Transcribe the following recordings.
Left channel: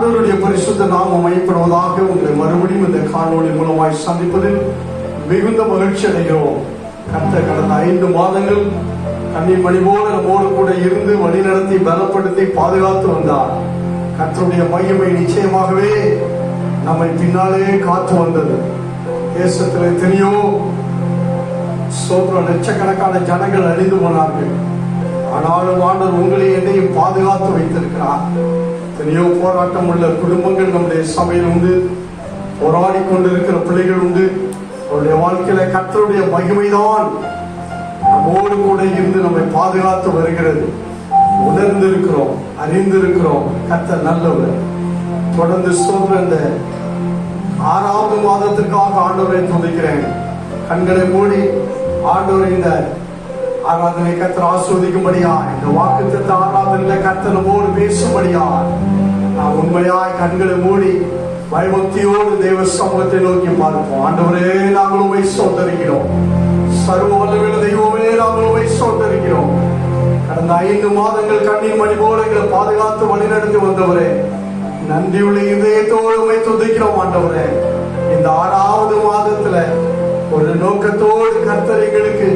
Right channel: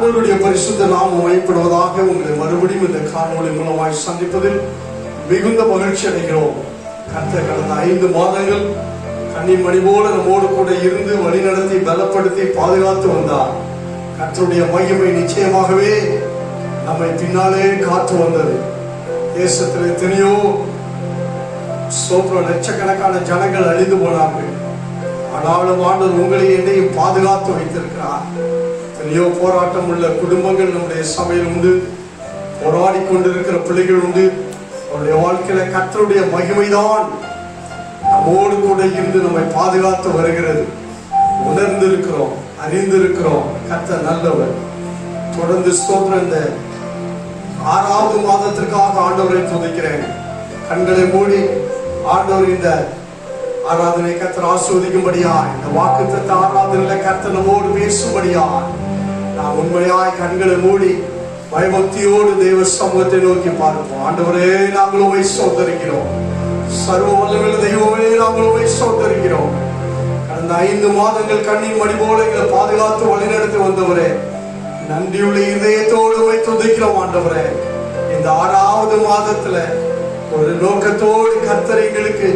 ஆண்டவருடைய பரிசுத்த நாமம் மையப்படுவதாக. உங்களை மறுபடியும் இந்த காணொளி மூலமாய் சந்திப்பதில் மிகுந்த மகிழ்ச்சி அடைகிறோம். கர்த்தர் கடந்த 5 மாதங்கள் கண்ணீர் மணி போல நம்மோடு கூட இருந்து வழிநடத்தி பலப்படுத்தி பாதுகாத்து வந்தார். கர்த்தருடைய மகிமை நிச்சயமாகவே நம்மை பின்னாலே காத்து வந்தது. தேசத்தில் எத்தனையோ லட்சக்கணக்கான ஜனங்கள் அழிந்து போனார்கள். ஆனாலும் ஆண்டவர் உங்களை என்னையும் பாதுகாத்து வைத்திருக்கிறார். எத்தனையோ போராட்டம் உள்ள குடும்பங்கள் நம்முடைய சபையில் உண்டு. போராடி கொண்டிருக்கிற பிள்ளைகள் உண்டு. அவருடைய வாழ்க்கையில கர்த்தருடைய மகிமைதான் நம்மோடு கூட இருந்து நம்மை பாதுகாத்து வருகிறது. உணர்ந்திருக்கிறோம், அறிந்திருக்கிறோம். கர்த்தர் நல்லவர். தொடர்ந்து ஸ்தோத்திரம். இந்த 6வது மாதத்திற்காக ஆண்டவரை துதிக்கிறேன். கண்களை மூடி ஆண்டவர் இந்த ஆராதனை கர்த்தர் ஆஸ்வதிக்கும்படியா, இந்த வாக்குத்தத்த ஆராதனையில கர்த்தர் நம்மோடு பேசும்படியா நாம் உண்மையாய் கண்களை மூடி பயபக்தியோடு தேவ சமூகத்தை நோக்கி பார்ப்போம். ஆண்டவரே, நாங்கள் உம்மை ஸ்தோத்திரிக்கிறோம். சர்வ வல்லமையுள்ள தெய்வமே, நாங்கள் உம்மை ஸ்தோத்திரிக்கிறோம். கடந்த 5 மாதங்கள் கண்ணீர் மணி போல எங்களை பாதுகாத்து வழிநடத்தி வந்தவரே, நன்றியுள்ள இதயத்தோடு உம்மை துதிக்கிறோம். ஆண்டவரே, இந்த 6வது மாதத்துல ஒரு நோக்கத்தோடு கர்த்தர் எங்களுக்கு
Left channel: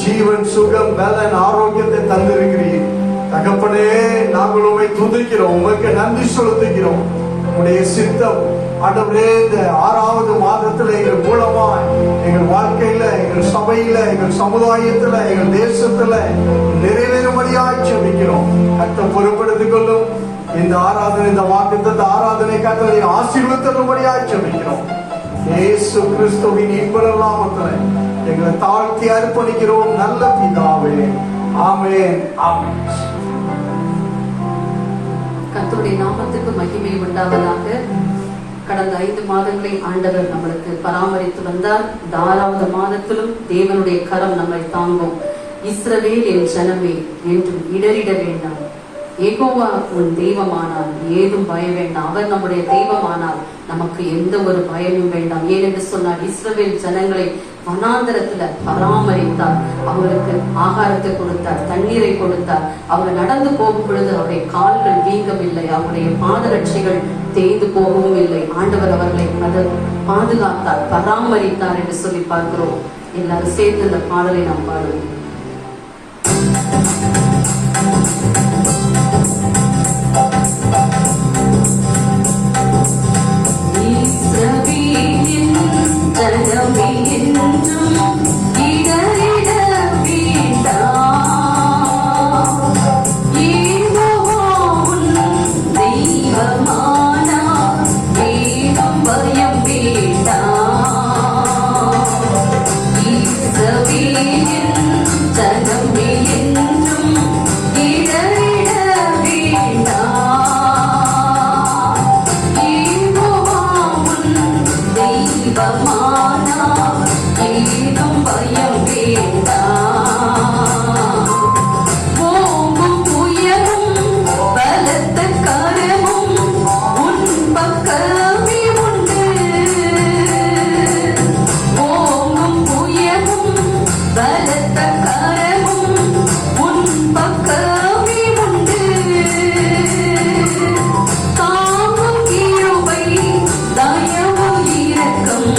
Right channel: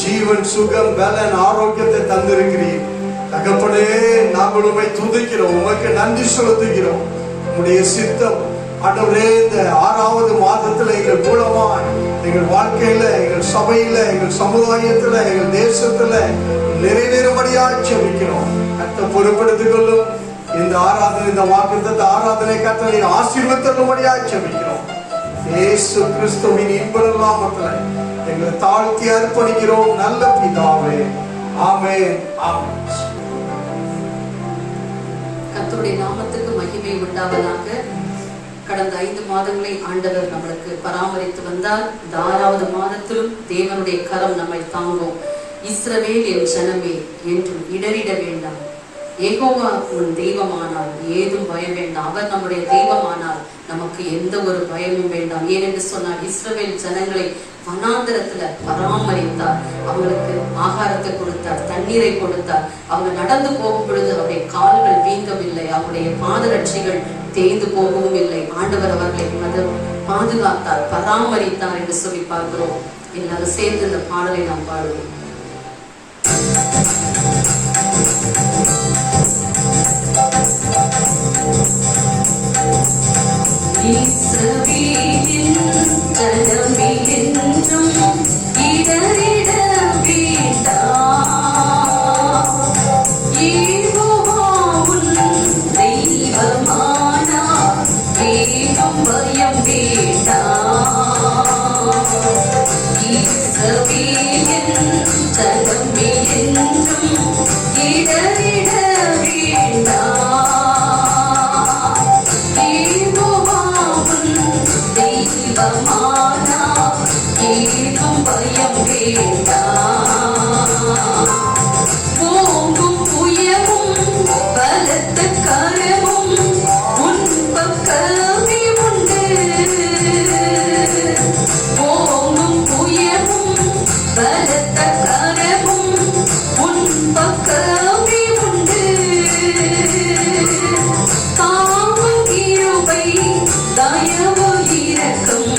ஜீவன், சுகம், பலன், ஆரோக்கியத்தை தந்திருக்கிறீர். தகப்பனே, நாங்கள் உம்மை துதிக்கிறோம். உமக்கு நன்றி செலுத்துகிறோம். உம்முடைய சித்தம் ஆண்டவரே இந்த 6வது மாதத்துல எங்கள் மூலமாய் எங்கள் வாழ்க்கையில, எங்கள் சபையில, எங்கள் சமுதாயத்துல, எங்கள் தேசத்துல நிறைவேறும்படியாய் ஜெபிக்கிறோம். கர்த்தர் பொறுப்படுத்திக் கொள்ளும். இந்த ஆராதனை, இந்த வாக்குத்தத்த ஆராதனை கர்த்தரை ஆசீர்வதிக்கும்படியாய் ஜெபிக்கிறோம். இயேசு கிறிஸ்துவின் இன்பமுள்ள நாமத்தில் எங்களை தாழ்த்தி அர்ப்பணிக்கிறோம். நல்ல பிதாவே, ஆமென், ஆமென். கர்த்தருடைய நாமத்துக்கு மகிமை உண்டாவதாக. கடந்த 5 மாதங்களை ஆண்டவர் நம்மளுக்கு பராமரித்து வந்தார். இந்த 6வது மாதத்திலும் தேவனுடைய கரம் நம்மை தாங்கும். இஸ்ரவேல் என் ஜனமே என்றும் இடறிட வேண்டாம். யெகோவா உன் தெய்வமானார், ஏதும் பயம் வேண்டாம். அவர் நம்முடைய தெய்வமானார், நமக்கு எந்த ஒரு பயமும் வேண்டாம். ஏனென்று சொன்னால் இஸ்ரவேல் ஜனங்களை வனாந்தரத்துல பராமரித்தார். அவங்களுக்கு ஆகாரத்தை கொடுத்தார், தண்ணீரை கொடுத்தார். அவங்க நடந்து போகும் பொழுது அவருடைய கால்கள் வீங்கவில்லை, அவருடைய பாதரட்சைகள் தேய்ந்து போகவும் இல்லை. ஆண்டவர் அவர்களை பாதுகாத்தார், பராமரித்தார் என்று சொல்லி பார்க்கிறோம். எல்லாரும் சேர்ந்து இந்த பாடலை நாம் பாடுவோம். தாங்கும் கிருபை, தயவு, இரக்கம்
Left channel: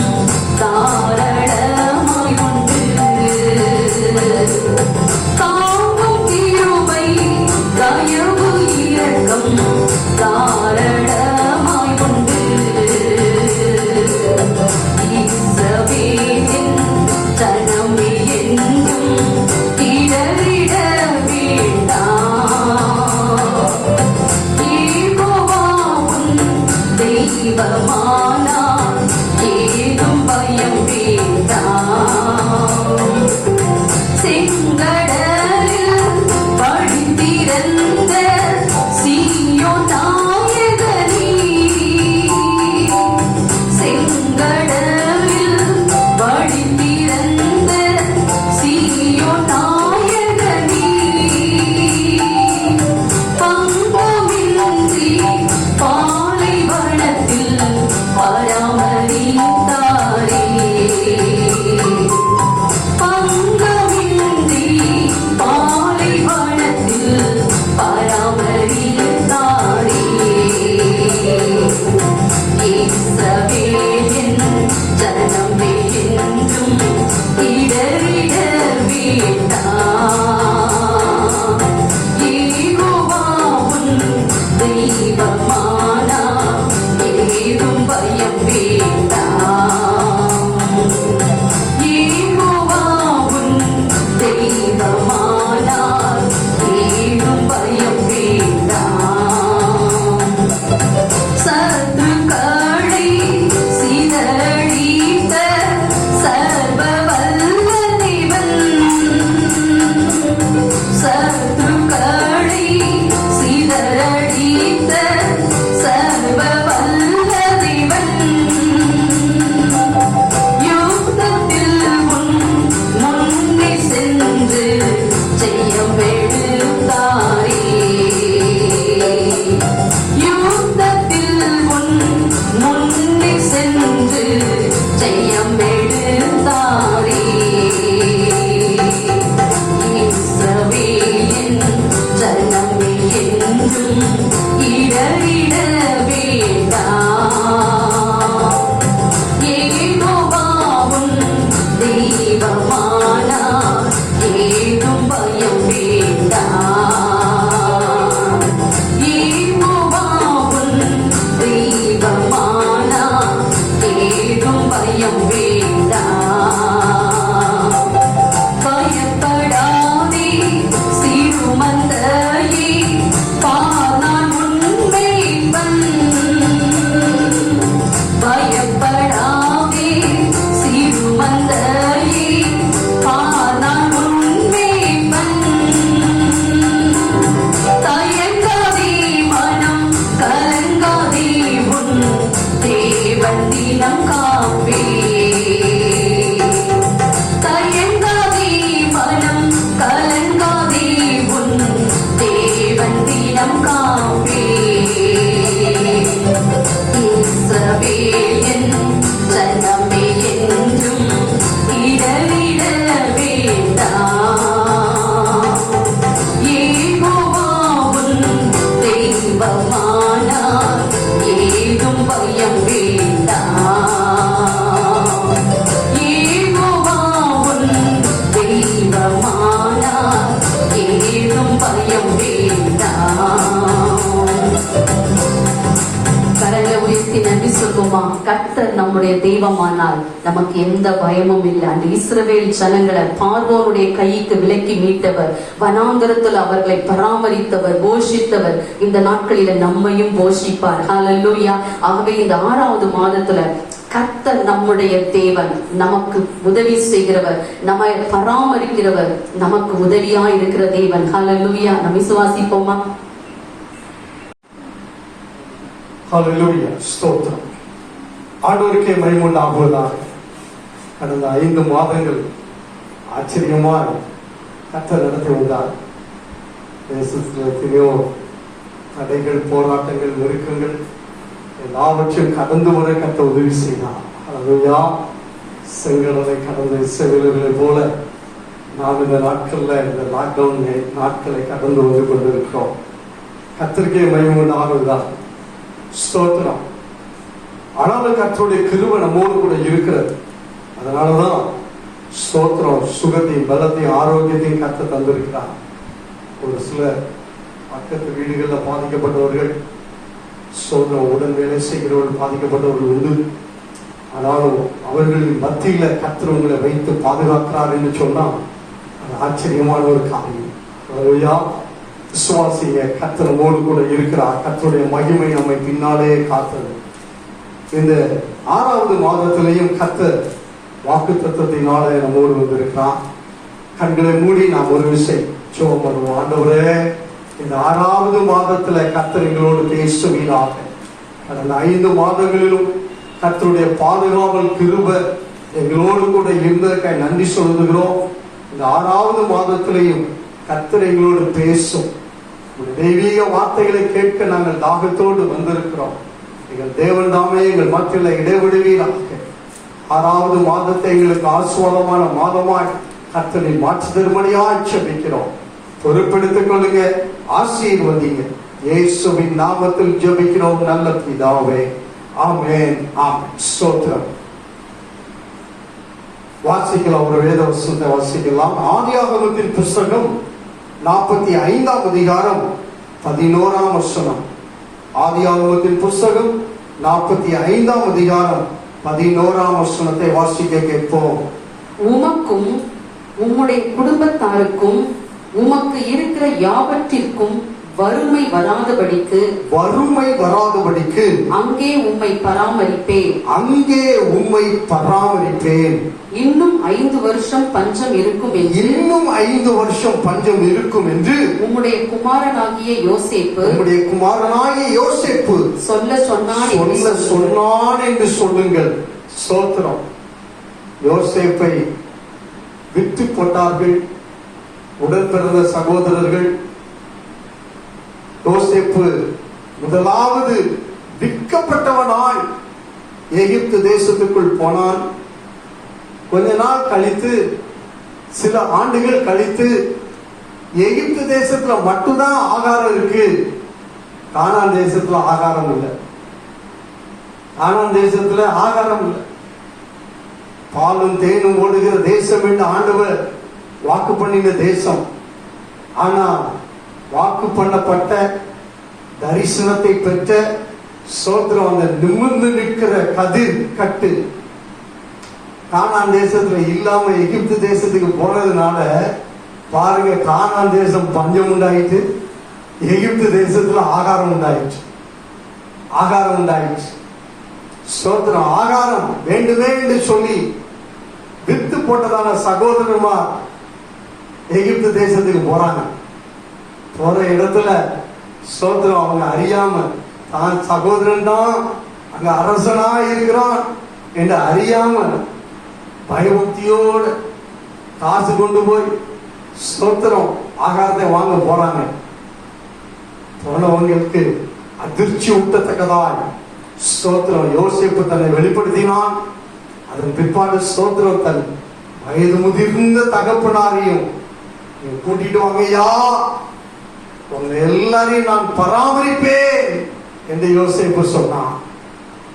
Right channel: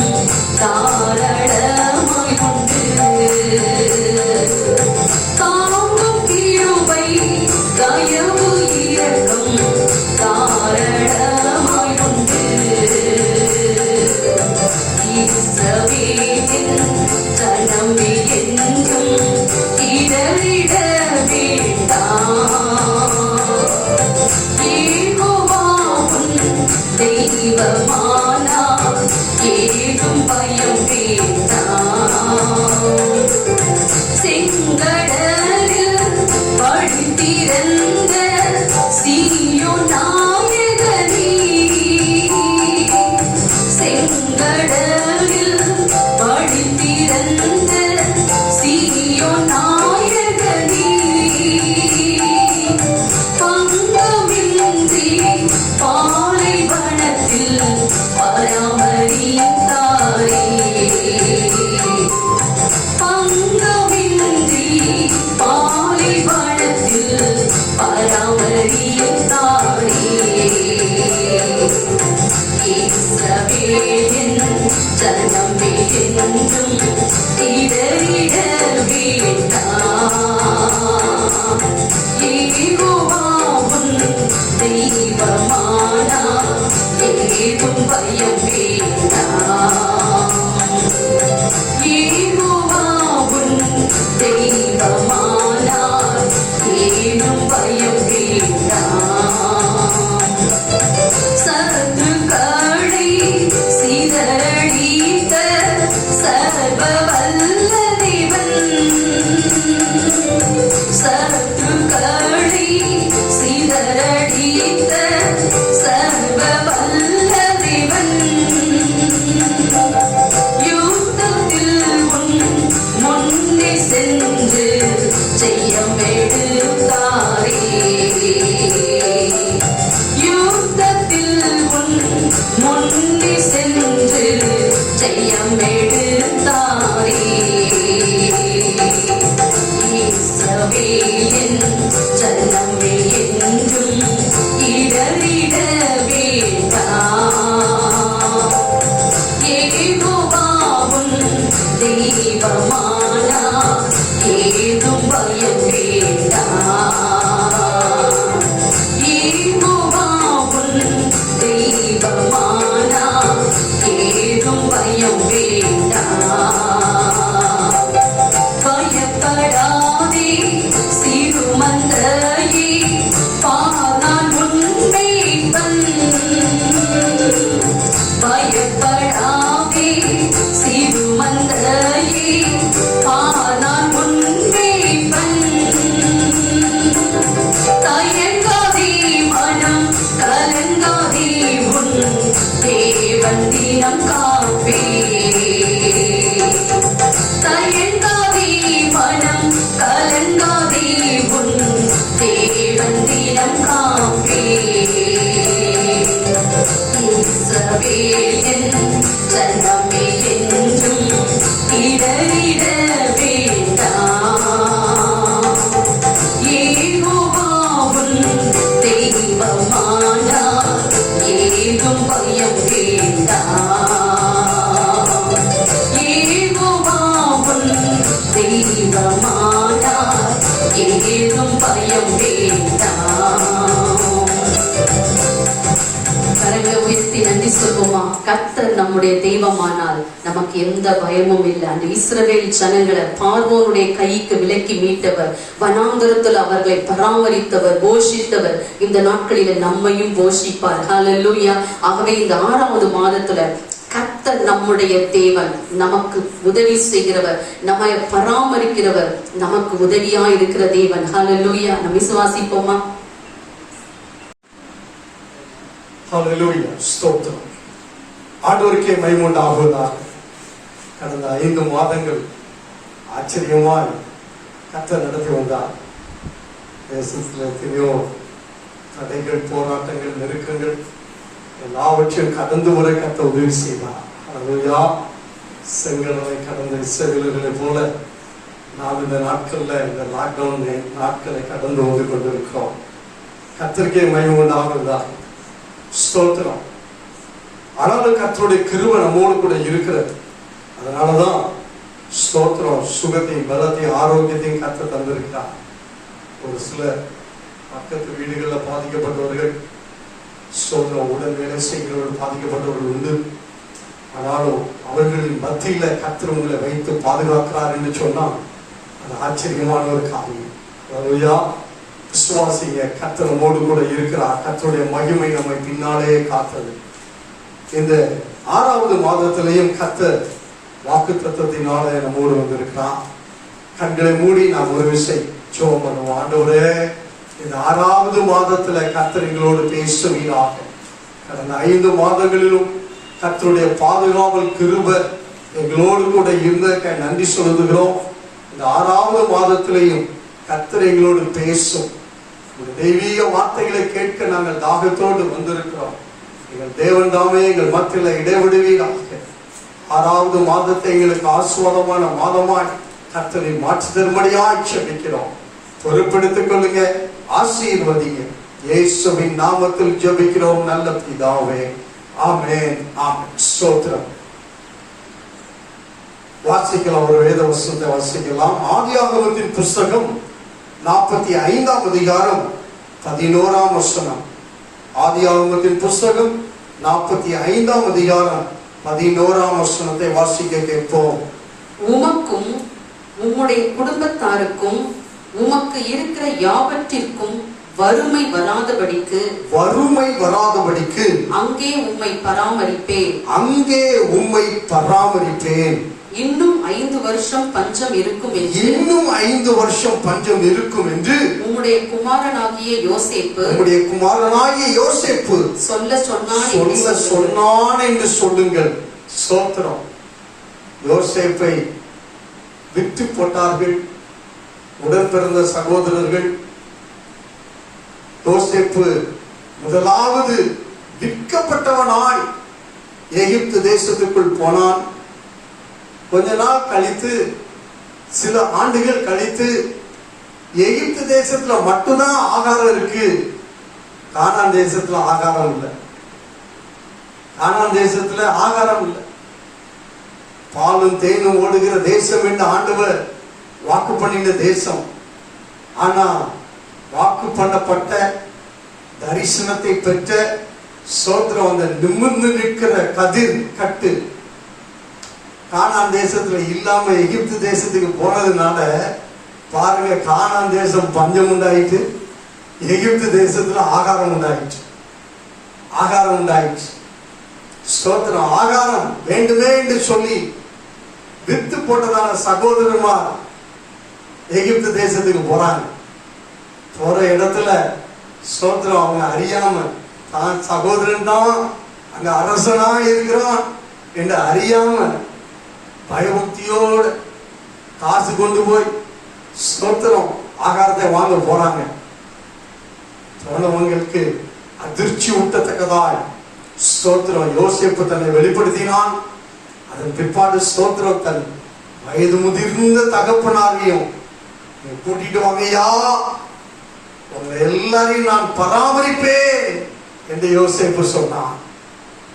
ஜெபமானால் நமக்கு எந்த பயமும் இல்லை. அந்த இஸ்ரவேல் ஜனங்களை பார்வோனுடைய கைக்கு விலக்கி மீட்டவர், வனாந்தரத்தில் அவர்களை பராமரித்தவர், போஷித்தவர், இந்த நாட்களில நம்மையும் போஷிப்பார். ஹல்லேலூயா. ஆகவே இந்த 6வது மாதத்துல கர்த்தர் நம்முடைய தேவன், நமக்கு உதவி செய்கிறவர், நம்மை பராமரிக்கிறவர், நமக்கு உதவியா இருக்கிற தேவன். ஹல்லேலூயா. நம்ம விசுவாசிப்போமா? ஹல்லேலூயா. ஸ்தோத்திரம். ஆண்டவருக்கே மகிமை உண்டாகுவதாக. கடந்த 5 மாதங்கள் ஆச்சரியமாய் கர்த்தர் நடத்தி வந்தார். தேசத்தில் எத்தனையோ தடைகள், போராட்டங்கள், நெருக்கங்கள் எல்லாவற்றையும் கடந்து வர கர்த்தர் உதவி செய்தார். ஹல்லேலூயா. செங்கடலை கடந்த இஸ்ரவேலர்களை போல நாம் இந்த நாட்கள்ல, இந்த லாக்டவுன் நாட்களை கடந்து வந்து கொண்டிருக்கிறோம். கர்த்தருக்கே மகிமை உண்டாகுவதாக. ஸ்தோத்திரம். ஆனாலும் கர்த்தருடைய கிருபை நம்மோடு கூட இருக்கிறது. அதனாலதான் ஸ்தோத்திரம், சுகத்தையும் பலத்தையும் ஆரோக்கியத்தையும் கர்த்தர் தந்திருக்கிறார். ஒரு சிலர் பக்கத்து வீடுகளில் பாதிக்கப்பட்டவர்கள், ஸ்தோத்திரம், உடன் வேலை செய்கிறவர்கள் பாதிக்கப்பட்டவர்கள் உண்டு. ஆனாலும் அவர்களின் மத்தியில கர்த்தர் உங்களை வைத்து பாதுகாக்கிறார் என்று சொன்னால் அது ஆச்சரியமான ஒரு காரியம். ஹல்லேலூயா. விசுவாசிங்க, கர்த்தர் நம்மோடு கூட இருக்கிறார். கர்த்தருடைய மகிமை நம்மை பின்னாலே காத்தது. இந்த 6வது மாதத்திலையும் கர்த்தர் வாக்குத்தத்தத்தினாலே நம்மோடு வந்திருக்கிறார். கண்களை மூடி நாம் ஒரு விஷயம் ஜெபம் பண்ணுவோம். ஆண்டவரே, இந்த 6வது மாதத்துல கர்த்தர் எங்களோடு பேசுவீராக. கடந்த 5 மாதங்களிலும் கர்த்தருடைய பாதுகாவல் கிருபை எங்களோடு கூட இருந்ததற்காக நன்றி சொல்லுகிறோம். இந்த 6வது மாதத்திலையும் கர்த்தர் எங்களோடு பேசும். தெய்வீக வார்த்தைகளை கேட்க நாங்கள் தாகத்தோடு வந்திருக்கிறோம். எங்கள் தேவன் தாமே எங்கள் மத்தியில் இடைவிடுவீராக. 6வது மாதத்தை எங்களுக்கு ஆசீர்வாதமான மாதமாய் கர்த்தரை மாற்றி தரும்படியாய் ஜெபிக்கிறோம். பொறுப்பெடுத்துக் கொள்ளுங்க, ஆசீர்வதிங்க. இயேசுவின் நாமத்தில் ஜெபிக்கிறோம் நல்ல பிதாவே. ஆமென். ஆமென். ஸ்தோத்திரம். வாசிக்கலாம், ஒரு வேத வசனத்தை வாசிக்கலாம். ஆதியாகமத்தின் புஸ்தகம் 45ஆம் அதிகாரம் 11ஆம் வசனம். ஆதியாகமத்தின் புஸ்தகம் 45ஆம் அதிகாரம் 11ஆம் வசனத்தை வாசிக்க கேட்போம். உமக்கும் உம்முடைய குடும்பத்தாருக்கும் உமக்கு இருக்கிற யாவற்றிற்கும் வறுமை வராதபடிக்கு அங்கே உம்மை பராமரிப்பேன். இன்னும் 5 வருஷம் பஞ்சம் இருக்கும் என்று உம்முடைய குமாரனாகிய யோசேப்பு சொல்ல சொன்னான் என்று சொல்லுங்கள். ஸ்தோத்திரம். யோசேப்பை விட்டு போட்டார்கள் உடன் பிறந்த சகோதரர்கள். யோசேப்பு முதலாவது விற்கப்பட்டவனாய் எகிப்து தேசத்துக்குள் போனான். கொஞ்ச நாள் கழித்து, சில ஆண்டுகள் கழித்து, எகிப்து தேசத்துல மட்டும்தான் ஆகாரம் இருக்கு, கானான் தேசத்துல ஆகாரம் இல்லை. கானான் தேசத்துல ஆகாரம் இல்லை. பாலும் தேனும் ஓடுகிற தேசம் என்று ஆண்டவர் வாக்கு பண்ணின தேசம். ஆனா வாக்கு பண்ணப்பட்ட தரிசனத்தை பெற்ற சோத்திரம், அந்த நிமிர்ந்து நிற்கிற கதிர் கட்டு கானான் தேசத்துல இல்லாம எகிப்து தேசத்துக்கு போனதுனால பாருங்க, கானான் தேசம் பஞ்சம் உண்டாயிட்டு, எகிப்து தேசத்துல ஆகாரம் உண்டாயிற்று. ஸ்தோத்திரம். ஆகாரம் வேண்டுமே என்று சொல்லி வித்து போட்டதான சகோதரமா எகிப்து தேசத்துக்கு போறாங்க. போற இடத்துல ஸ்தோத்திரம், அவங்க அறியாம தான் சகோதரன் தான் அங்க அரசனா இருக்கிறான் என்று அறியாம பயபக்தியோடு காசு கொண்டு போய் ஸ்தோத்திரம் ஆகாரத்தை வாங்க போறாங்க. போனவங்களுக்கு அதிர்ச்சி ஊட்டத்தக்கதாய் ஸ்தோத்திரம் யோசேப்பு தன்னை வெளிப்படுத்தினான். அதன் பிற்பாடு ஸ்தோத்திரம் தன் வயது முதிர்ந்த தகப்பனாரையும் கூட்டிட்டு வாங்கய்யா, உங்க எல்லாரையும் நான் பராமரிப்பேன் என்று யோசேப்பு சொன்னான்.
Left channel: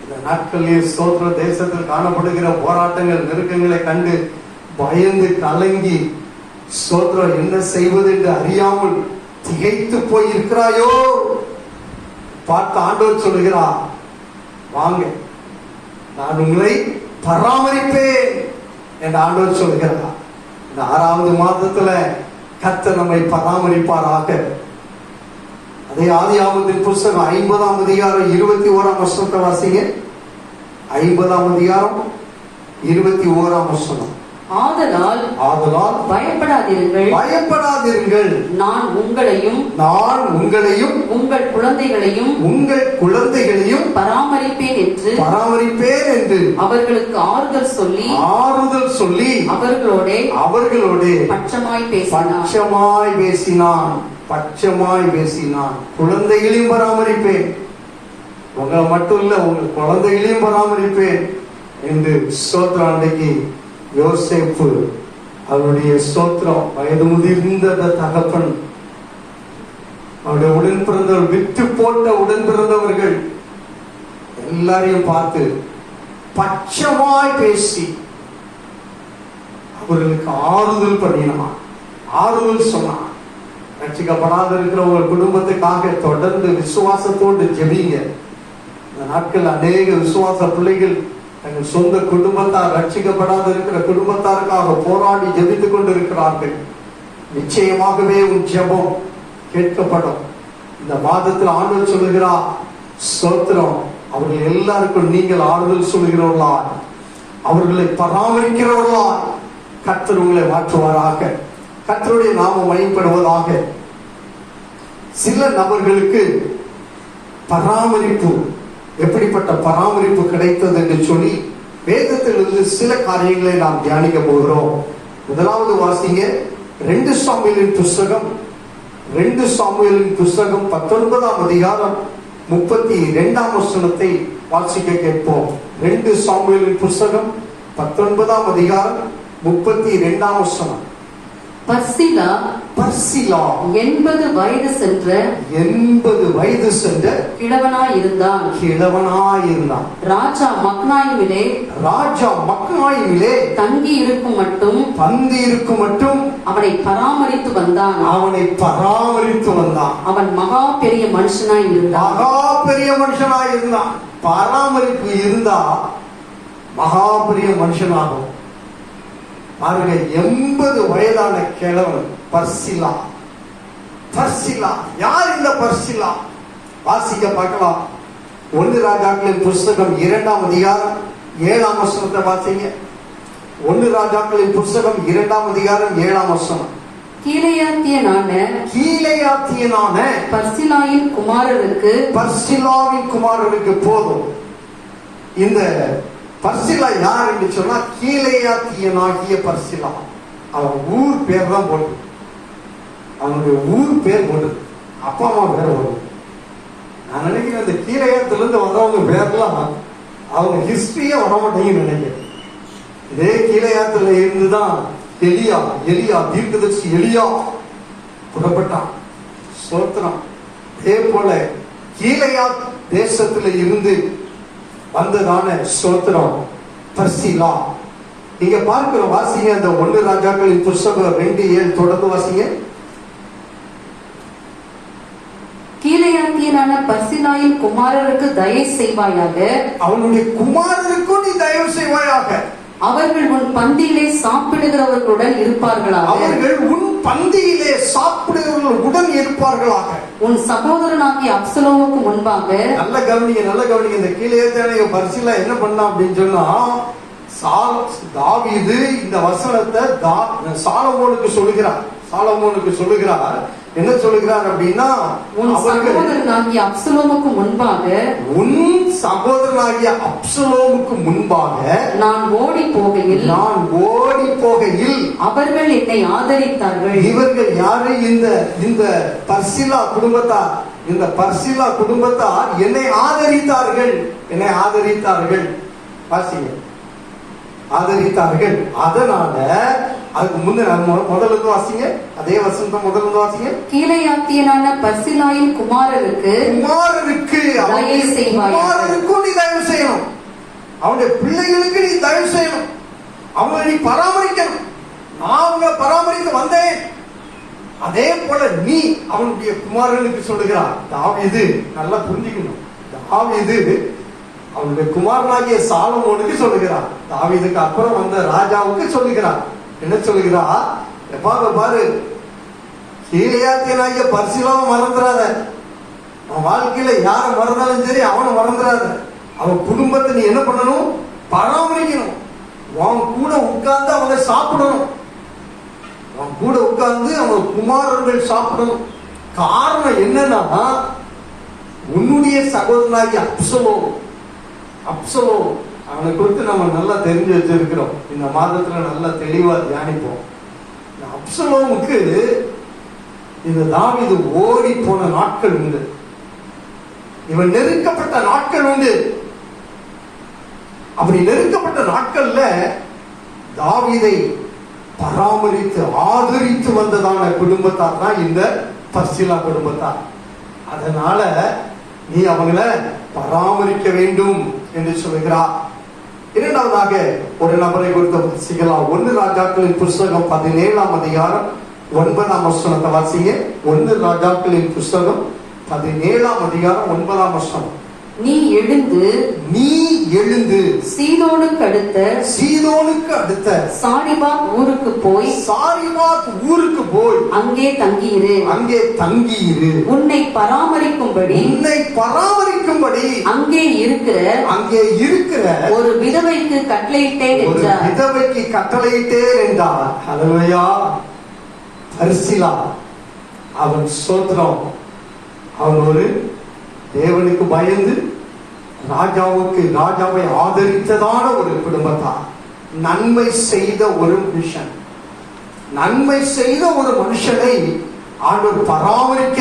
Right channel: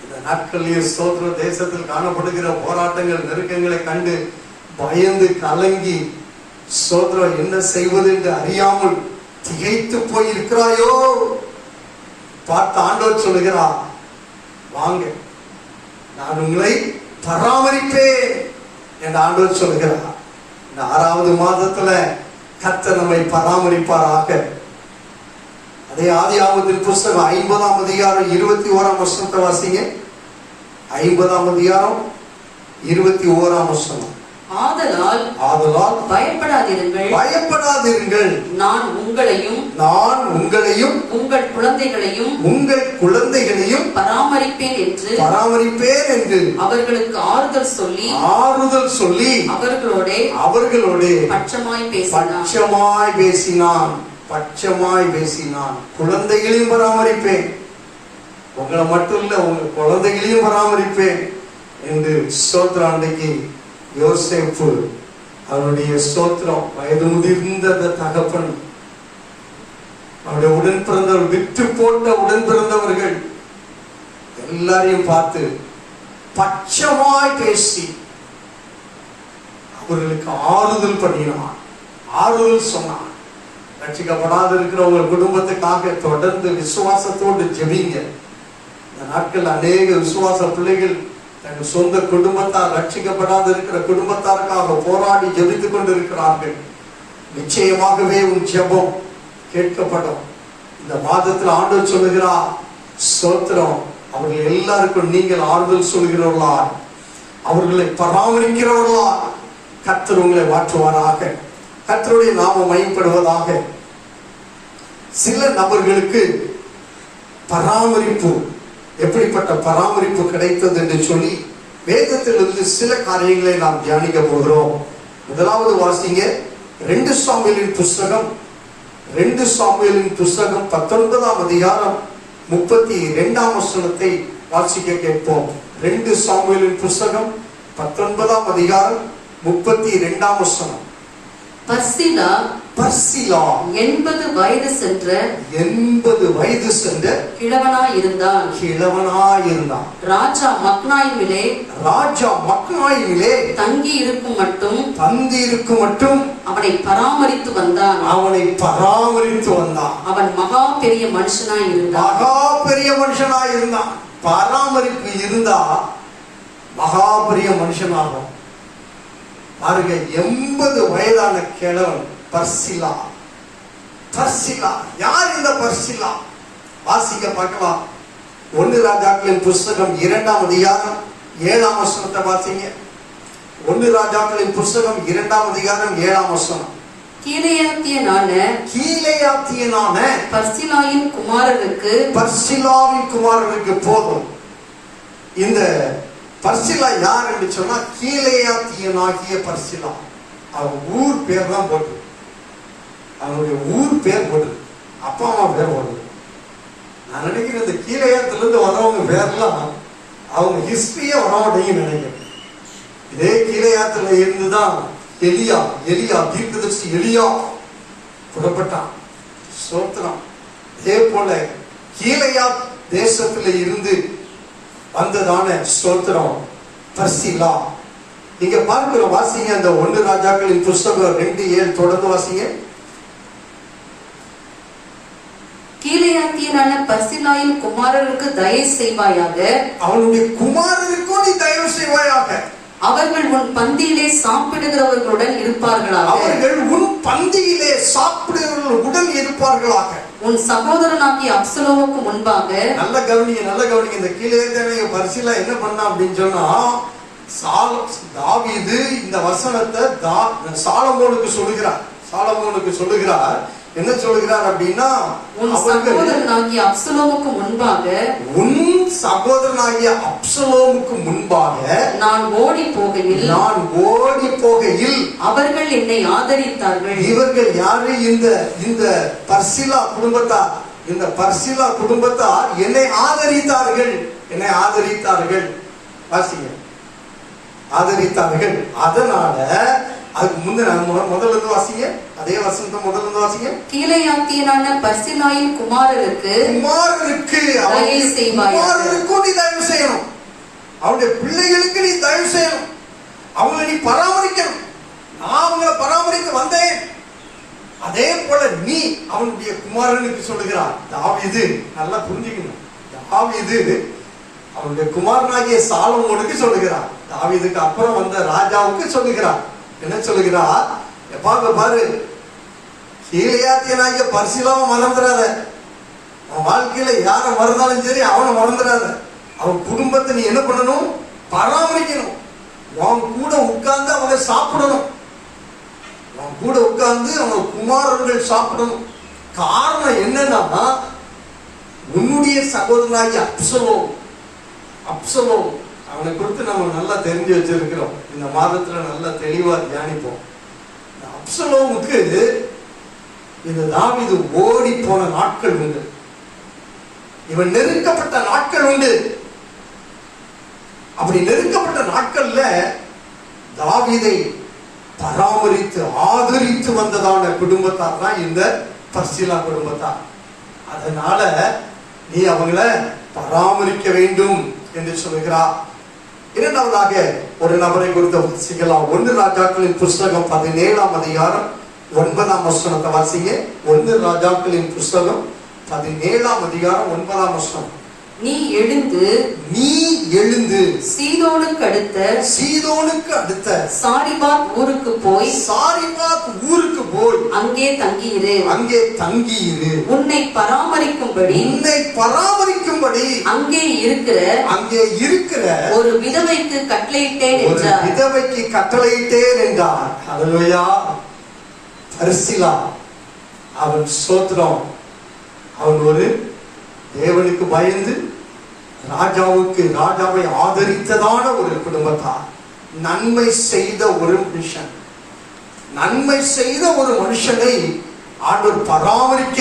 இந்த நாட்களில் ஸ்தோத்திர தேசத்தில் காணப்படுகிற போராட்டங்கள், நெருக்கங்களை கண்டு பயந்து கலங்கி ஸ்தோத்திரம் என்ன செய்வது என்று அறியாமல் திகைத்து போய் இருக்கிறாயோ, பார்த்த ஆண்டவர் சொல்லுகிறார், வாங்க நான் உங்களை பராமரிப்பேன் என்று ஆண்டவர் சொல்கிறார். இந்த 6வது மாதத்துல கர்த்தர் நம்மை பராமரிப்பாராக. அதே ஆதியாகமத்தின் புஸ்தகம் 50ஆம் அதிகாரம் 21ஆம் வசனத்தை வாசிங்க. 50ஆம் அதிகாரம் 21ஆம் வசனம். ஆதலால் பயப்படாதிருங்கள், நான் உங்களையும் உங்கள் குழந்தைகளையும் பராமரிப்பேன் என்று அவர்களுக்கு ஆறுதல் சொல்லி அவர்களோட பட்சமாய் பேசினான். குழந்தைகளையும் பராமரிப்பேன், உங்களை மட்டும் இல்ல உங்க குழந்தைகளையும் பராமரிப்பேன் என்று ஸ்தோத்திரம். அன்றைக்கு யோசேப்பு அவனுடைய ஸ்தோத்திரம், வயது முதிர்ந்த தகப்பன், அவருடைய உடன் பிறந்தவர், விட்டு போட்ட உடன் பிறந்தவர்கள் எல்லாரையும் பார்த்து பட்சமாய் பேசி அவர்களுக்கு ஆறுதல் பண்ணினான், ஆறுதல் சொன்னான். ரட்சிக்கப்படாத இருக்கிற உங்கள் குடும்பத்துக்காக தொடர்ந்து விசுவாசத்தோடு ஜெபிங்க. இந்த நாட்கள் அநேக விசுவாச பிள்ளைகள் தங்கள் சொந்த குடும்பத்தார், ரட்சிக்கப்படாத இருக்கிற குடும்பத்தாருக்காக போராடி ஜெபித்துக் கொண்டிருக்கிறார்கள். நிச்சயமாகவே உன் ஜெபம் கேட்கப்படும். இந்த மாதத்தில் ஆண்டவர் சொல்லுகிறார், ஸ்தோத்திரம், அவர்கள் எல்லாருக்கும் நீங்கள் ஆறுதல் சொல்கிறவர்களா, அவர்களை பராமரிக்கிறவர்களா கர்த்தர் உங்களை மாற்றுவாராக. கர்த்தருடைய நாமம் மகிமைப்படுவதாக. சில நபர்களுக்கு பராமரிப்பு, எப்படிப்பட்ட பராமரிப்பு கிடைத்தது என்று சொல்லி வேதத்திலிருந்து சில காரியங்களை நாம் தியானிக்க போகிறோம். முதலாவது வாசிங்க 2 சாமுவேலின் புஸ்தகம் 19ஆம் அதிகாரம் 32ஆம் வசனத்தை வாசிக்க கேட்போம். 2 சாமுவேலின் புஸ்தகம் 19ஆம் அதிகாரம் 32ஆம் வசனம். பர்சிலா 80 வயது சென்ற கிழவனாயிருந்தான். ராஜா மக்னாயிமிலே தங்கி இருக்கும் மட்டும் அவனை பராமரித்து வந்தான். அவன் மகா பெரிய மனுஷனாய் இருந்தான். பராமரிப்பு இருந்தா மகா பெரிய மனுஷனாகும். பாருங்க, 80 வயதான கிழவன் பர்சிலா. யார் இந்த பர்சிலா? வாசிக்க பார்க்கலாம். 1 ராஜாக்களின் புஸ்தகம் 2ஆம் அதிகாரம் 7ஆம் வசனத்தை வாசிங்க. 1 ராஜாக்களின் புஸ்தகம் 2ஆம் அதிகாரம் 7ஆம் வசனம். கீலேயாத்தியனான பர்சிலாவின் குமாரருக்கு போதும். இந்த பர்சிலா யார் என்று சொன்னா கீலேயாத்தியனாகிய பர்சிலா. அவன் ஊர் பேர் தான் போட்டு, அவனுடைய ஊர் பேர் போட்டு, அப்பா அம்மா பேர் போட்டு. நான் நினைக்கிறேன் இந்த கீலேயாத்திலிருந்து வர்றவங்க பேர்லாம் அவங்க ஹிஸ்டரியே வரமாட்டேங்குன்னு நினைக்கிறேன். இதே கீலேயாத்துல இருந்துதான் எலியா தீர்க்கதரிசி எலியா புறப்பட்டான். ஸ்தோத்திரம். அதே போல கீலேயாத் தேசத்துல இருந்து வந்ததான ஸ்தோத்திரம் பர்சிலா. நீங்க பார்க்கிற வாசிங்க, அந்த 1 ராஜாக்களின் புஸ்தகம் 2:7 தொடர்ந்து வாசிங்க. கீலேயாத்தியனான பர்சிலாயின் குமாரருக்கு தயவு செய்வாயாக, அவனுடைய குமாரருக்கும் நீ தயவு செய்வாயாக. அவர்கள் உன் பந்தியிலே சாப்பிடுகிறவர்களுடன் இருப்பார்களாக. உன் சகோதரனாகிய அப்சலோமுக்கு முன்பாக. நல்ல கவனிங்க. இந்த கீலேயாத்தியனாகிய பர்சிலா என்ன பண்ணா அப்படின்னு சொன்னா, தாவீது இந்த வசனத்தை சாலமோனுக்கு சொல்லுகிறார். என்ன சொல்லுகிறார் அப்படின்னா, உன் சகோதரனாகிய அப்சலோமுக்கு முன்பாக நான் ஓடி போகையில் அவர்கள் என்னை ஆதரித்தார்கள். இவர்கள் யாரு? இந்த பர்சிலா குடும்பத்தார் என்னை ஆதரித்தார்கள். வாசிங்க, ஆதரித்தார்கள். அதனால அதுக்கு முந்தின முதல்ல வாசிங்க, அதே வசனத்தை முதல்ல வாசிங்க. கீலேயாத்தியனான பர்சிலாயின் குமாரருக்கு நீ தயவு செய்யணும். அவனுடைய பிள்ளைகளுக்கு நீ தயவு செய்யணும். அவங்களை நீ பராமரிக்கணும். நான் அவங்களை பராமரிக்க வந்தேன். அதே போல நீ அவனுடைய குமாரனுக்கு சொல்லுகிறார். தாவீது நல்லா புரிஞ்சுக்கணும். தாவீது அவனுடைய குமாரனாகிய சாலமோனுக்கு சொல்லுகிறார். தாவீதுக்கு அப்புறம் வந்த ராஜாவுக்கு சொல்லுகிறார். என்ன சொல்லுகிறார்? பாரு, கீலேயாத்தியனாகிய பர்சிலாவை மறந்துடாத. அவன் வாழ்க்கையில யாரை மறந்தாலும் சரி அவனை மறந்துடாத. அவன் குடும்பத்தை நீ என்ன பண்ணணும்? பராமரிக்கணும். அவன் கூட உட்கார்ந்து அவங்க சாப்பிடணும். அவன் கூட உட்கார்ந்து அவங்க குமாரர்கள் சாப்பிடணும். காரணம் என்னன்னா, உன்னுடைய சகோதரனாகி அப்சலோம் அவனை குறித்து நம்ம நல்லா தெரிஞ்சு வச்சிருக்கிறோம். இந்த மாதத்துல நல்லா தெளிவா தியானிப்போம். அப்சலோமுக்கு இந்த தாவீது ஓடி போன நாட்கள் உண்டு. இவன் நெருக்கப்பட்ட நாட்கள் உண்டு. அப்படி நெருக்கப்பட்ட நாட்கள்ல தாவீதை பராமரித்து ஆதரித்து வந்ததான குடும்பத்தார் தான் இந்த பர்சிலா குடும்பத்தார். அதனால நீ அவங்களை பராமரிக்க வேண்டும் என்று சொல்லுகிறார். இரண்டாவதாக ஒரு நபரை குறித்து வாசிக்கலாம். 1 ராஜாக்களின் புஸ்தகம் 17ஆம் அதிகாரம் 9ஆம் வசனத்தை வாசிங்க. 1 ராஜாக்களின் புஸ்தகம் 17ஆம் அதிகாரம் 9ஆம் வசனம். நீ எழுந்து சீதோனுக்கு அடுத்த சாரிபாத் ஊருக்கு போய் அங்கே தங்கியிரு. உன்னை பராமரிக்கும்படி அங்கே இருக்கிற ஒரு விதவைக்கு கட்டளையிட்டேன் என்றார். ஹல்லேலூயா. பர்சிலா அவன் ஸ்தோத்திரம். அவன் ஒரு தேவனுக்கு பயந்து ராஜாவை ஆதரித்ததான ஒரு குடும்பத்தார். நன்மை செய்த ஒரு மனுஷனை ஆண்டவர் பராமரிக்க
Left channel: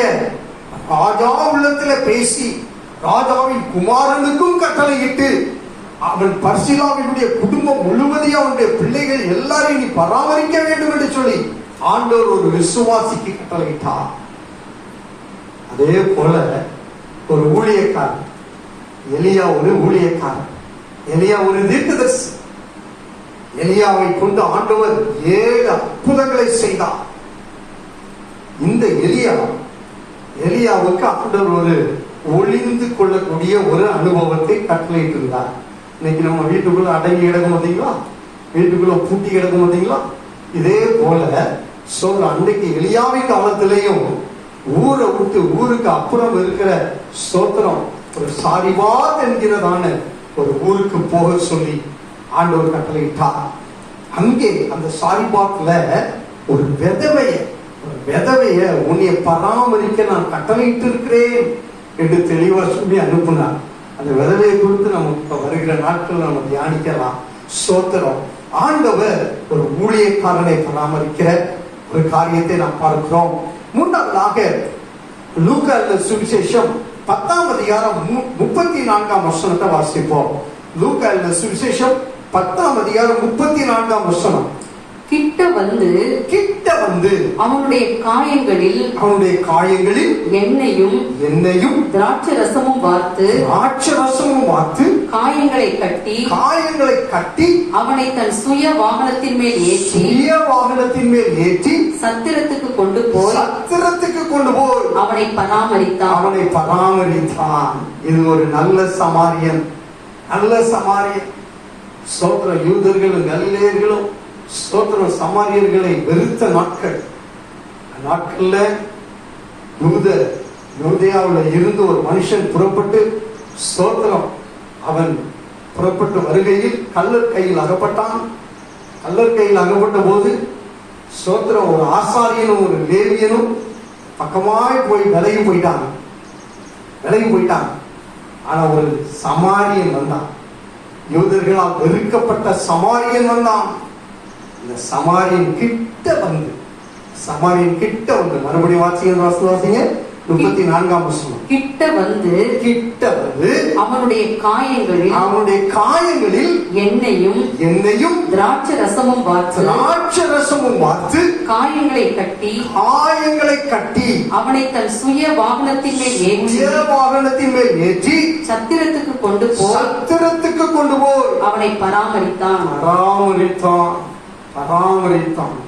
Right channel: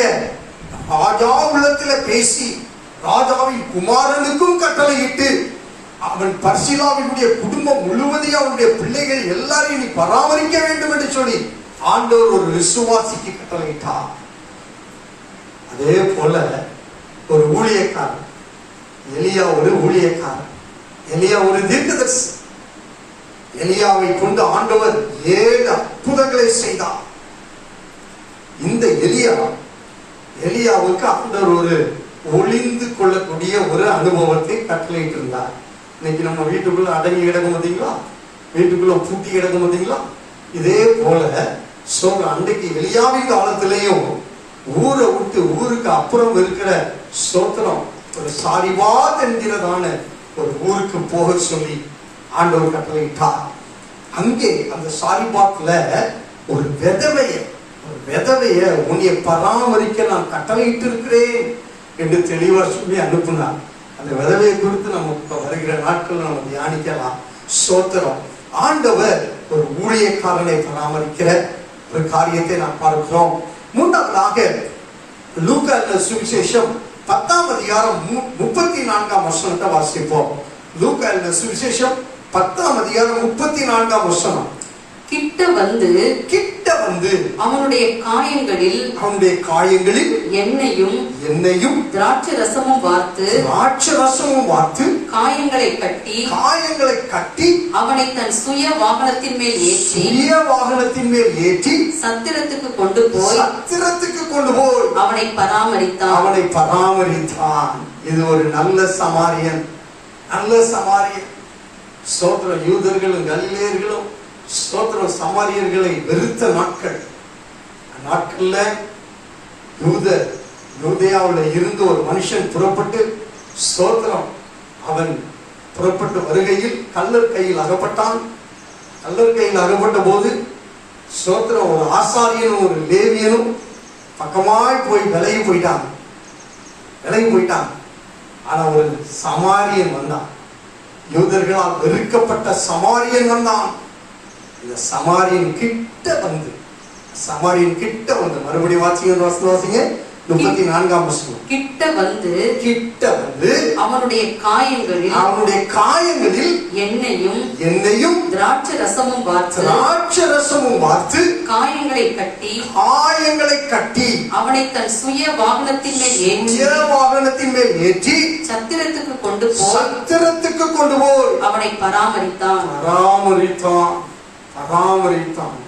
ராஜா உள்ளத்துல பேசி ராஜாவின் குமாரனுக்கும் கட்டளையிட்டு அவன் பர்சிலாவினுடைய குடும்பம் முழுவதையும் அவனுடைய பிள்ளைகள் எல்லாரையும் நீ பராமரிக்க வேண்டும் என்று சொல்லி ஆண்டவர் ஒரு விசுவாசிக்கு கட்டளையிட்டார். அதே போல ஒரு ஊழியக்காரன் எலியா, எலியா ஒரு தீர்க்கதரிசி. எலியாவை கொண்டு ஆண்டவர் 7 அற்புதங்களை செய்தார். இந்த எலியாவுக்கு ஆண்டவர் ஒரு ஒளிந்து கொள்ளக்கூடிய ஒரு அனுபவத்தை கட்டளையிட்டு இருந்தார். இன்னைக்கு நம்ம வீட்டுக்குள்ள அடங்கி கிடக்க மாட்டீங்களா? வீட்டுக்குள்ள பூட்டி கிடக்க மாட்டீங்களா? இதே போல அன்றைக்கு எலியாவின் காலத்திலையும் ஊரை விட்டு ஊருக்கு அப்புறம் இருக்கிற ஸ்தோத்திரம் ஒரு சாரிபாத் என்கிறதான ஒரு ஊருக்கு போக சொல்லி ஆண்டவர் கட்டளையிட்டார். அங்கே அந்த சாரிபாத்ல ஒரு விதவைய உன்னை பராமரிக்க நான் கட்டளையிட்டு இருக்கிறேன் என்று தெளிவா சொல்லி அனுப்பினார். அந்த விதவையை குறித்து நமக்கு வருகிற நாட்கள் நம்ம தியானிக்கலாம். ஸ்தோத்திரம். ஆண்டவர் ஒரு ஊழியக்காரனை பராமரிக்கிற ஒரு காரியத்தை நாம் பார்க்கிறோம். மூன்றாவதாக லூக்கா சுவிசேஷம் 10ஆம் அதிகாரம் 34ஆம் வசனத்தை வாசிப்போம். லூக்கா சுவிசேஷம் 10ஆம் அதிகாரம் 34ஆம் வசனம். கிட்ட வந்து அவனுடைய காயங்களில் எண்ணெயும் திராட்சை ரசமும் வார்த்து காயங்களை கட்டி அவனை தன் சுய வாகனத்தின் மேல் ஏற்றி சத்திரத்துக்கு கொண்டு போய் அவனை பராமரித்தான். இது ஒரு நல்ல சமாரியன். ஸ்தோத்திரம். யூதர்களும் கலிலேயர்களும் ஸ்தோத்திரம் சமாரியர்களை வெறுத்த நாட்கள்ல யூதேயாவுல இருந்து ஒரு மனுஷன் புறப்பட்டு ஸ்தோத்திரம் அவன் புறப்பட்டு வருகையில் கள்ளர் கையில் அகப்பட்ட போது ஸ்தோத்திரம் ஒரு ஆசாரியனும் ஒரு லேவியனும் பக்கமாய் போய் விலகி போயிட்டாங்க. ஆனா ஒரு சமாரியன் வந்தான். யூதர்களால் வெறுக்கப்பட்ட சமாரியன் வந்தான். இந்த சமாரியன் கிட்ட வந்து மறுபடியும் வாசிங்க 34ஆம் வசனம். கிட்ட வந்து அவனுடைய காயங்களில் எண்ணெயும் திராட்சை ரசமும் வார்த்து காயங்களை கட்டி அவனை தன் சுய வாகனத்தின் மேல் ஏற்றி சத்திரத்துக்கு கொண்டு போய் அவனை பராமரித்தான்.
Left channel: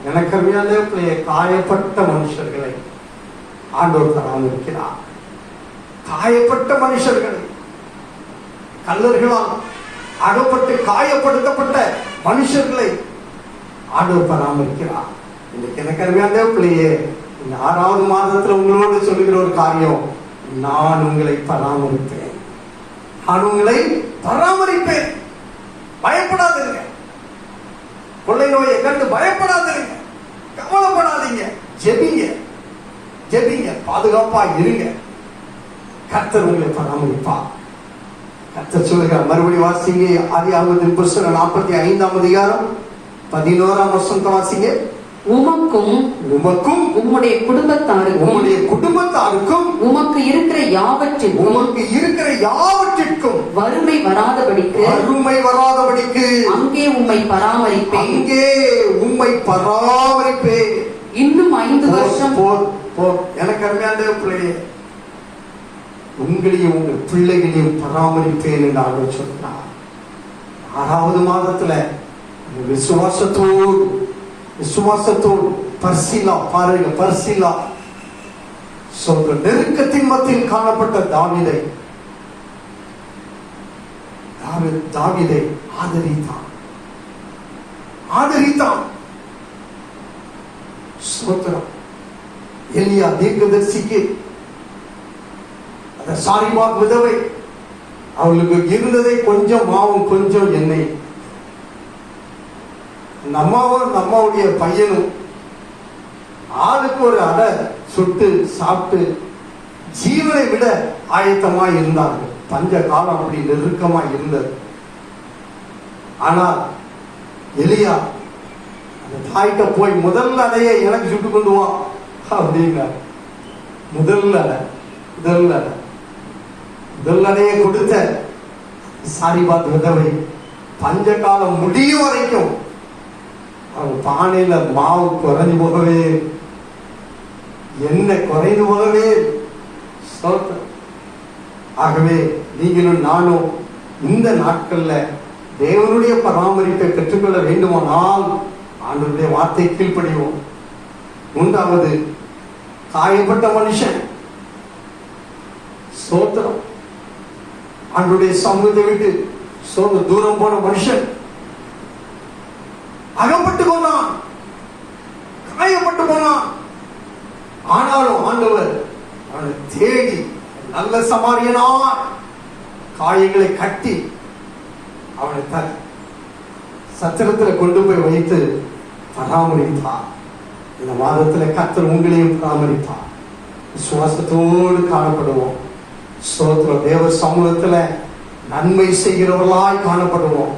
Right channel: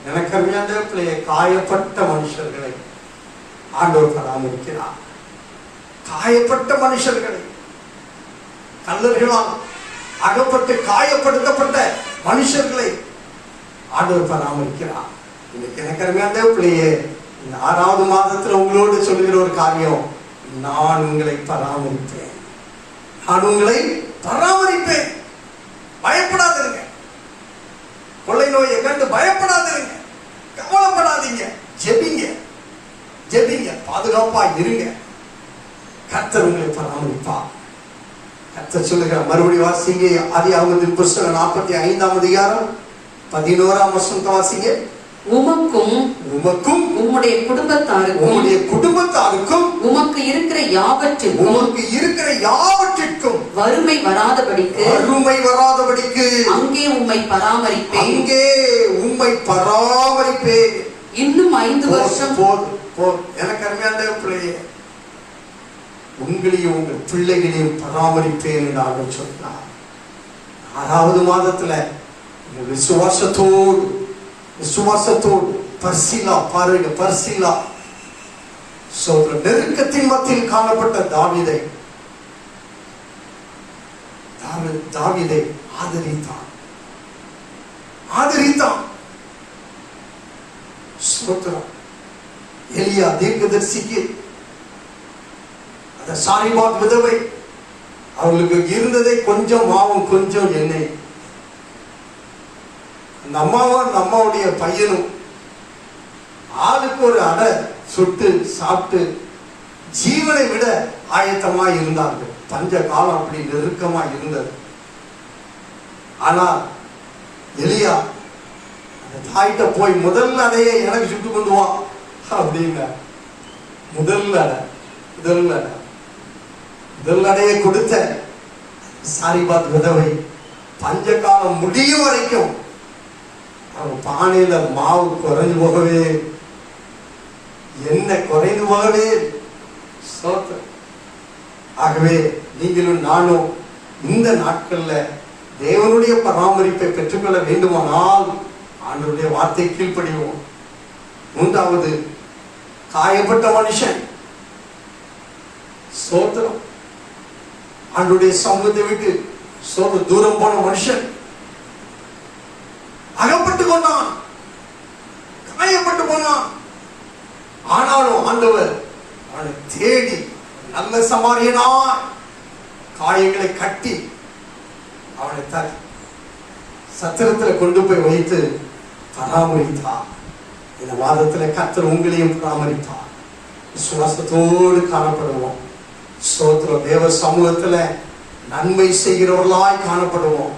எனக்கு அறியாத காயப்பட்ட மனுஷர்களை ஆண்டவர் பராமரிக்கிறார். காயப்பட்ட மனுஷர்களை கள்ளர்களால் அகப்பட்டு காயப்படுத்தப்பட்ட மனுஷர்களை ஆண்டவர் பராமரிக்கிறார். இன்னைக்கு எனக்கு அருமையான பிள்ளையே, இந்த 6வது மாதத்துல உங்களோடு சொல்லுகிற ஒரு காரியம், நான் உங்களை பராமரிப்பேன், நான் உங்களை பராமரிப்பேன். பயப்படாதீங்க, கொள்ளை நோயை கண்டு பயப்படாதீங்க, கவலைப்படாதீங்க, ஜெபிங்க, ஜெபிங்க, பாதுகாப்பா இருங்க. கர்த்தர் உங்களை பராமரிப்பா. கர்த்தர் சொல்லுங்க, மறுபடி வாசிங்க. ஆதியாகமத்தின் புத்தகம் 45ஆம் அதிகாரம் 11ஆம் வசனத்தை வாசிங்க. உமக்கும் உமக்கும் உம்முடைய குடும்பத்தாருக்கும் உமக்கு இருக்கிற யாவற்றிற்கும் வறுமை வராதபடிக்கு அங்கே உம்மை பராமரிப்பேன். இன்னும் 5 வருஷம் எனக்கு அருமையான பிள்ளையே, உங்களையும் உங்கள் பிள்ளைகளையும் பராமரிப்பேன் என்று ஆண்டவர் சொன்னார். 6வது மாதத்துல விசுவாசத்தோடு பர்சிலா பாருங்க, பர்சிலா நெருக்கத்தின் மத்தியில் காணப்பட்ட தாவீதை ஆதரித்தான். ஸ்தோத்திரம். எலியா தீர்க்கதரிசிக்கு அந்த சாரிபாத் விதவை, அவளுக்கு இருந்ததை கொஞ்சம் மாவும் கொஞ்சம் எண்ணெய், அந்த அம்மாவும் அந்த அம்மாவுடைய பையனும் ஆளுக்கு ஒரு அடை சுட்டு சாப்பிட்டு ஜீவனை விட ஆயத்தமாய் இருந்தார்கள். பஞ்ச காலம் அப்படி நெருக்கமாய் இருந்தது. ஆனால் எலியா அந்த தாயிட்ட போய் முதல் அடையை எனக்கு சுட்டு கொண்டு வா அப்படின்னா, முதல் அடையை கொடுத்த சாரிபாத் விதவை பஞ்ச காலம் முடியும் வரைக்கும் அவன் பானையில மாவு குறைஞ்சு போகவே, என்ன குறைந்து போகவே. ஆகவே நீங்களும் நானும் இந்த நாட்கள்ல தேவனுடைய பராமரிப்பை பெற்றுக்கொள்ள வேண்டுமானால் ஆண்டவருடைய வார்த்தை கீழ்ப்படிவோம். 3வது, காயப்பட்ட மனுஷன் ஸ்தோத்திரம், ஆண்டவருடைய சமூகத்தை விட்டு தூரம் போன மனுஷன் அகப்பட்டு கொண்டான், காயப்பட்டு போனான். ஆனாலும் ஆண்டவர் அவனை தேடி நல்ல சமாரியனாய் காயங்களை கட்டி அவனை சத்திரத்தில் கொண்டு போய் வைத்து பராமரித்தார். இந்த மாதத்தில் கர்த்தர் உங்களையும் பராமரிப்பார். விசுவாசத்தோடு காணப்படுவோம். ஸ்தோத்திரம். தேவ சமூகத்தில் நன்மை செய்கிறவர்களாய் காணப்படுவோம்.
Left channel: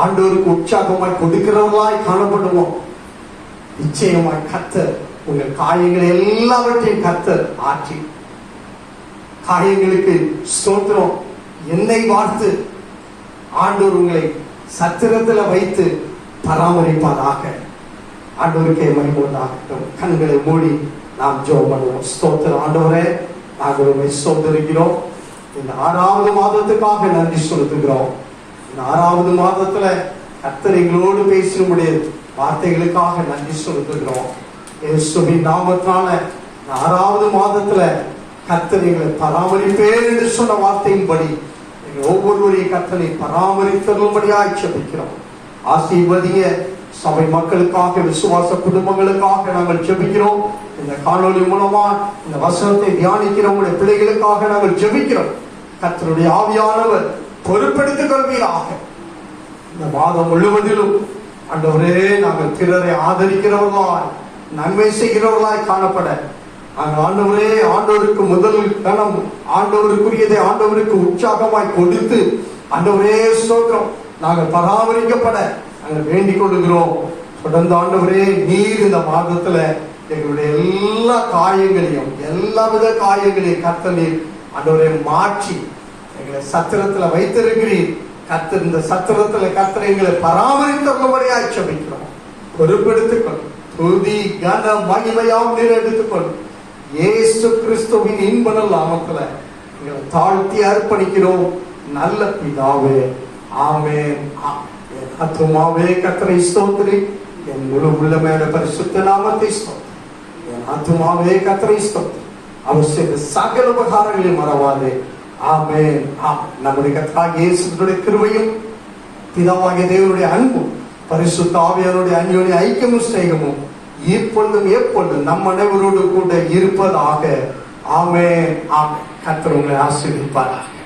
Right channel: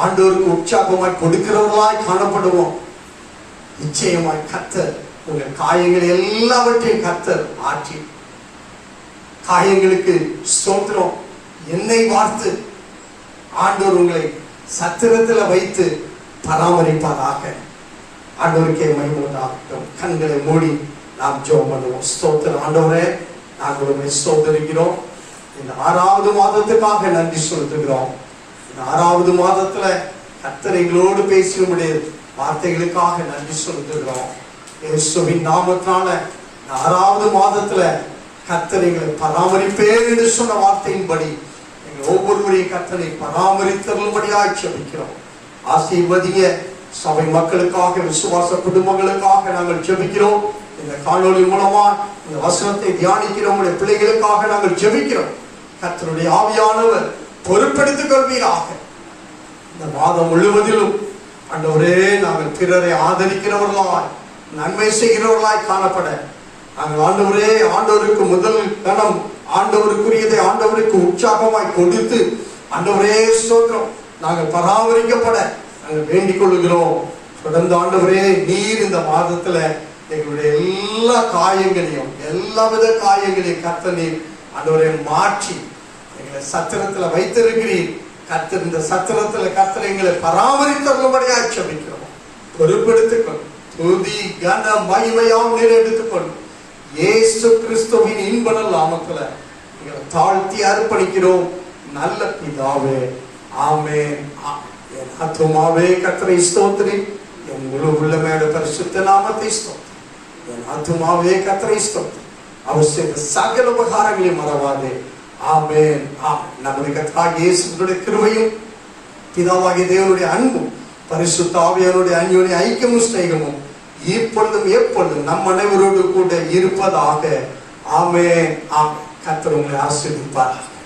ஆண்டவருக்கு உற்சாகமாய் கொடுக்கிறவர்களாய் காணப்படுவோம். நிச்சயமாய் கர்த்தர் உங்கள் காயங்கள் எல்லாவற்றையும் கர்த்தர் ஆற்றி, காயங்களுக்கு ஸ்தோத்திரம் எண்ணெய் வார்த்து ஆண்டவர் உங்களை சத்திரத்தில் வைத்து பராமரிப்பதாக. ஆண்டவருக்கே மகிமையாகட்டும். கண்களை மூடி நாம் ஜெபம் பண்ணுவோம். ஸ்தோத்திரம். ஆண்டவரே, நாங்கள் உங்களை ஸ்தோத்திரிக்கிறோம். இந்த 6வது மாதத்துக்காக நன்றி செலுத்துகிறோம். இந்த 6வது மாதத்துல கர்த்தர் எங்களோடு பேசினுடைய வார்த்தைகளுக்காக நன்றி செலுத்துகிறோம். இயேசுவின் நாமத்தால 6வது மாதத்துல கர்த்தர் எங்களை பராமரிப்பேன் என்று சொன்ன வார்த்தையின்படி எங்கள் ஒவ்வொருவரையும் கர்த்தரை பராமரித்தபடியாய் ஜெபிக்கிறோம். ஆசீர்வதிங்க. சபை மக்களுக்காக, விசுவாச குடும்பங்களுக்காக நாங்கள் ஜெபிக்கிறோம். இந்த காணொலி மூலமா இந்த வசனத்தை தியானிக்கிற உங்களுடைய பிள்ளைகளுக்காக நாங்கள் ஜெபிக்கிறோம். கர்த்தருடைய ஆவியானவர் பொறுப்பெடுத்துக் கொள்வீராக. இந்த மாதம் முழுவதிலும் ஆண்டவரே, நாங்கள் பிறரை ஆதரிக்கிறவர்களாய், நன்மை செய்கிறவர்களாய் காணப்பட நாங்கள் ஆண்டவரே, ஆண்டவருக்கு முதல் கணம், ஆண்டவருக்குரியதை ஆண்டவருக்கு உற்சாகமாய் கொடுத்து ஆண்டவரே ஸ்தோத்திரம் நாங்கள் பராமரிக்கப்பட நாங்கள் வேண்டிக் கொள்கிறோம். தொடர்ந்து ஆண்டவரே, நீர் இந்த மாதத்துல எங்களுடைய எல்லா காயங்களையும், எல்லா வித காயங்களையும் கர்த்தர் நீர் ஆண்டவரை மாற்றி எங்களை சத்திரத்துல வைத்திருக்கிறீர். கர்த்தர் இந்த சத்திரத்துல கர்த்தர் எங்களை பராமரித்தபடியாய் ஜெபிக்கிறோம். பொறுப்பெடுத்துக்கொள். துதி கன மகிமையாம் நீர் எடுத்துக்கொள். இயேசு கிறிஸ்துவின் இன்ப நாமத்துல எங்களை தாழ்த்தி அர்ப்பணிக்கிறோம். நல்ல பிதாவே, ஆமென். என் ஆத்துமாவே கர்த்தரை ஸ்தோத்திரி, என் முழு உள்ளமையோட பரிசுத்த நாமத்தை ஸ்தோத்திரி. என் ஆத்துமாவே கர்த்தரை ஸ்தோத்திரி, அவர் செய்த சகல உபகாரங்களையும் மறவாதே. ஆமென். நம்முடைய கர்த்தராகிய இயேசுவின் கிருபையும் பிதாவாகிய தேவனுடைய அன்பும் பரிசுத்த ஆவியானவருடைய அந்யோன்ய ஐக்கியமும் ஸ்நேகமும் இப்பொழுதும் எப்பொழுதும் நம் அனைவரோடு கூட இருப்பதாக. ஆமென். ஆமென். கர்த்தர் உங்களை ஆசீர்வதிப்பாராக.